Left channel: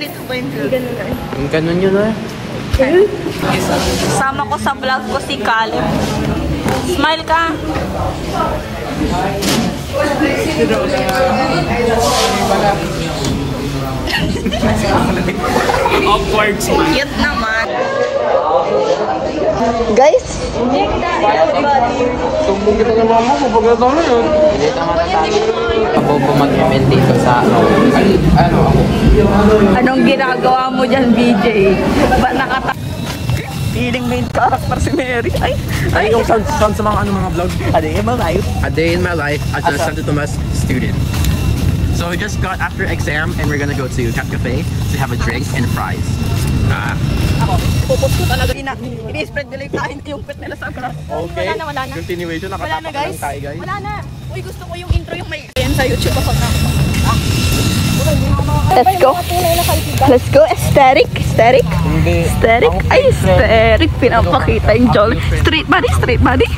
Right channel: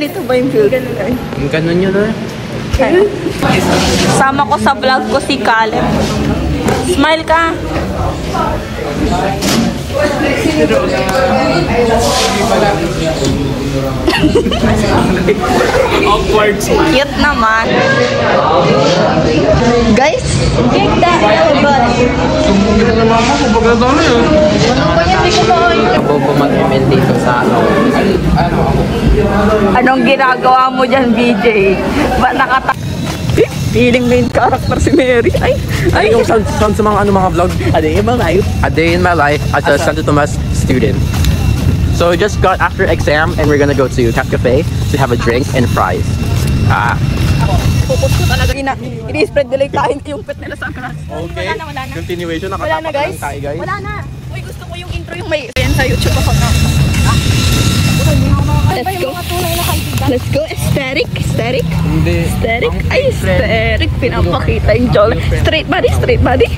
Ganito ba yung build? Yung ganun yun ah. Sama ko sa vlog ko si Caleb. Smile ka. Awkward smile. Cute naman. Guys, cake that. Sumbong kita ng mama ko. Bagal ba na yun? Ako po mag-comment dito sa ano ako. Anong ginagawa mo dyan, BJ? Ba't feeling main character si Mary. Ay. Yung sound sa mga mga vlog. A day in my life. A day in my life as a Santo Tomas student. So we just got after exam and we're gonna go to Cat Cafe to have a drink and fries. Ini-spread delay kain yung pet nila sa grass. Wala na. Continuation. Wala na guys. Wala na. Uy, gusto ko yung intro yung may yan sa YouTube. Let's go. Let's go. Aesthetic. Hindi. Aesthetic. Ay, aesthetic. Pinapakita yung joy. Straight body.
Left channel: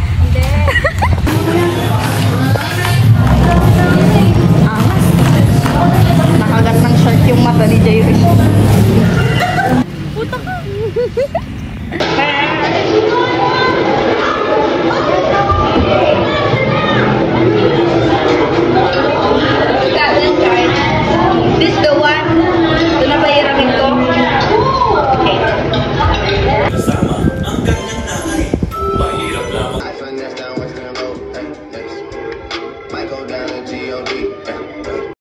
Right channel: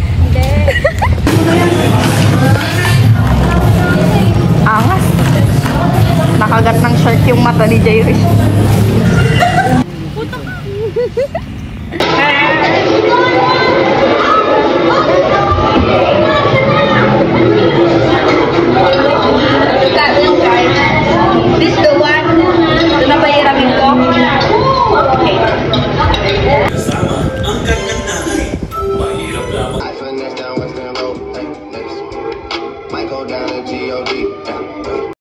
Angas. Nakagat ng shirt yung mata ni Jay Rich.